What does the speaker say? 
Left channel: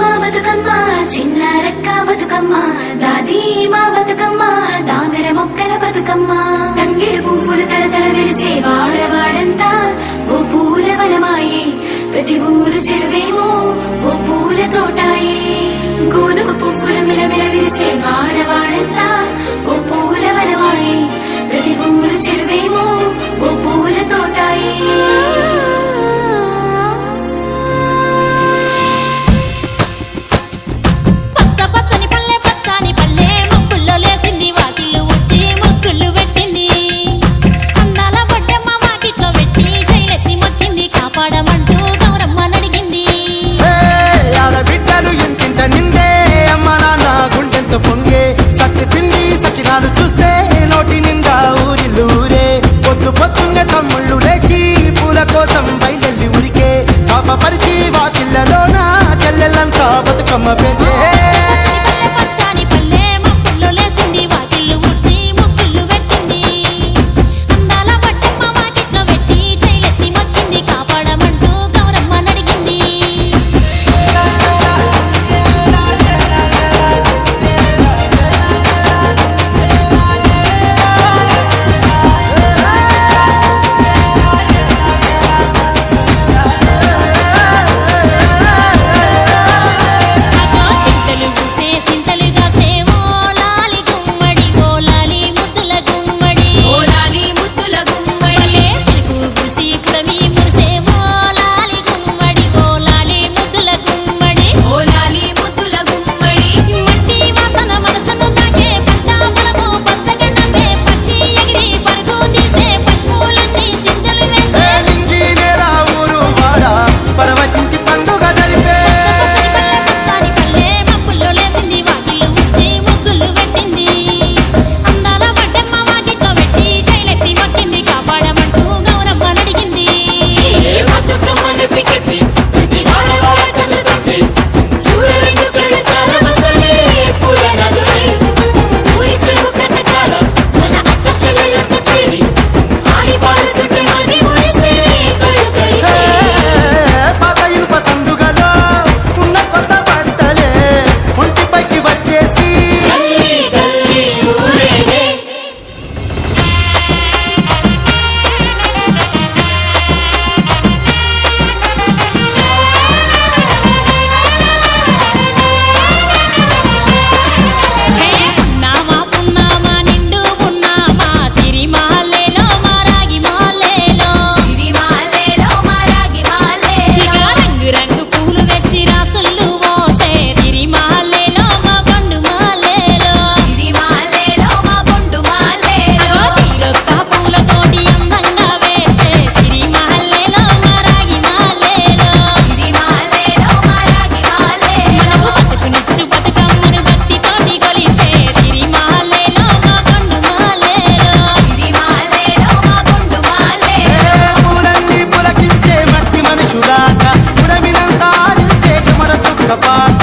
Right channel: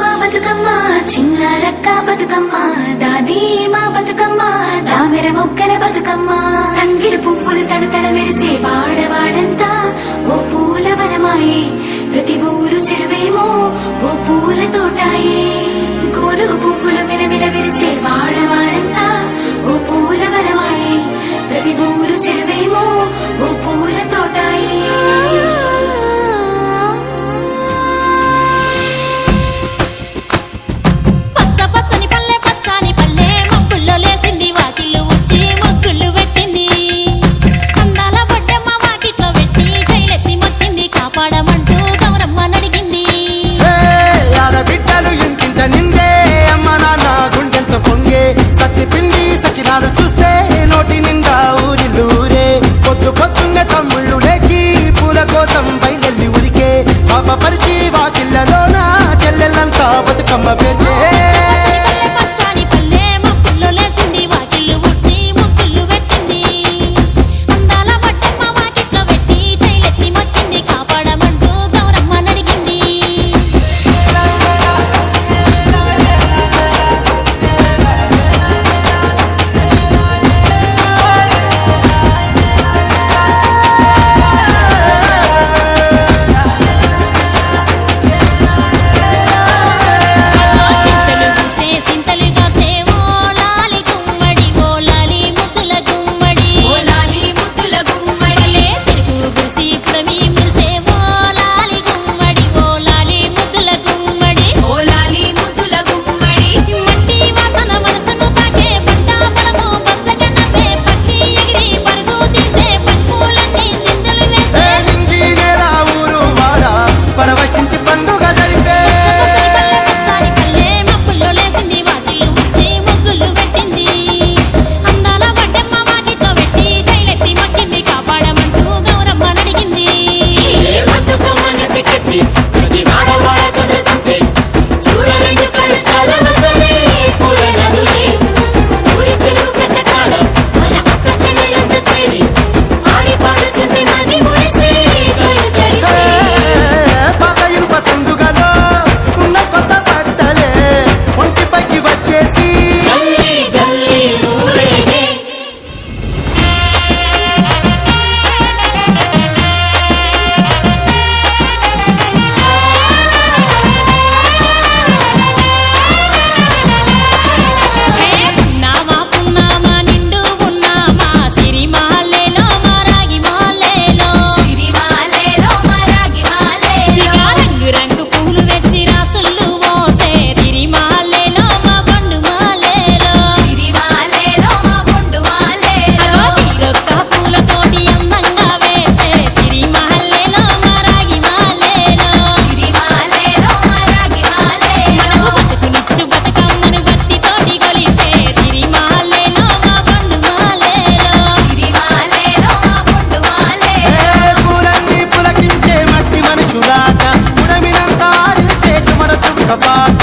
మా బతుకమ్మ చిన్న రక్క బతుకమ్మ దాది మా బతుకమ్మ దామెర మొక్కల బతుకమ్మ తంగిడి పువ్వులు తడతడ వెలిసే వాడవాడంతా ఓ పూల వనమాయే ప్రతి ఊరు చెరువేమో ఓ పూల తోటాయే గోనుగు పువ్వులు మెలమెల వెలిసే వాడవాడంతా ఓ పూల వనమాయే ప్రతి ఊరు చెరువేమో ఓ పూల తోటాయే కాపాడమంటూ గౌరమ్మ నడిగింది. ఆడబిడ్డలు ఇంటింట నిందే అమ్మ నాన్న గుండెంత పొంగే సత్తి పిండి సకినాలు చూస్తే నోటి నిండా ఊరిల్లూరే పొద్దు పొద్దున్నే తమ్ముళ్ళు లేచి పూల కోసం బయలెల్లి ఉరికే శాపపరిచి వాకిళ్ళలోన చెల్లెళ్ళంతా బతుకమ్మ పేర్చే పచ్చాని పల్లె మప్పుల్లో లేసింది వాకిళ్ళు ఉడ్చి ముగ్గుళ్ళు పెట్టింది. అందాల బొడ్డమ్మ వాకిట్లో పెట్టి చైలెత్తి మొక్కింది కాపాడమంటూ గౌరమ్మ నడిగింది. చింతలు పూసే సింతలుగా సేవో లాలి గుమ్మడి ఓ లాలి ముద్దుల గుమ్మడి భలే చిరుకు గురిసి పుడమి మురిసేవో లాలి గుమ్మడి ఓ లాలి ముద్దుల గుమ్మడి మట్టి వాసన మనసును తాకే పంట పొలము పచ్చగా నవ్వే పక్షి ఎగిరి పరుగు తీసే పశువులన్నీ సింధులు వేసే నింగి నేల ఊరు వాడ పరవశించి పండుగ జరిపే పచ్చాని పల్లె మప్పుల్లో లేసింది వాకిళ్ళు ఉచ్చి ముగ్గులు పెట్టింది. అందాల బొడ్డమ్మ వాకిట్లో పెట్టి చైలెత్తి మొక్కింది కాపాడమంటూ గౌరమ్మ నడిగింది. పాత ఇనుప సందుగలో ఉన్న కొత్త బట్టలే ఒంటిపైకి వచ్చేసి హే పున్నామా పున్నామా నిండు పున్నామా సిరి మాలేలో మా రాగి మాలేలో ఇక రంగు రంగు పూలు తెచ్చి రాసుళ్ళు పోసే సిరి మాలేలో మా పండు మాలేలో అగో తీరొక్క పూలతోటి అందంగా వేచే సిరి మాలేలో మా రాగి మాలేలో మనకు బతుకునిచ్చు బతుకమ్మను భక్తితోటి కొలిసే సిరి మాలేలో మా పండు మాలేలో పూలన్నీ పులకించే మట్టి మనుషులాట ఉడమినంత ఆడించే చుమర చుక్క పాట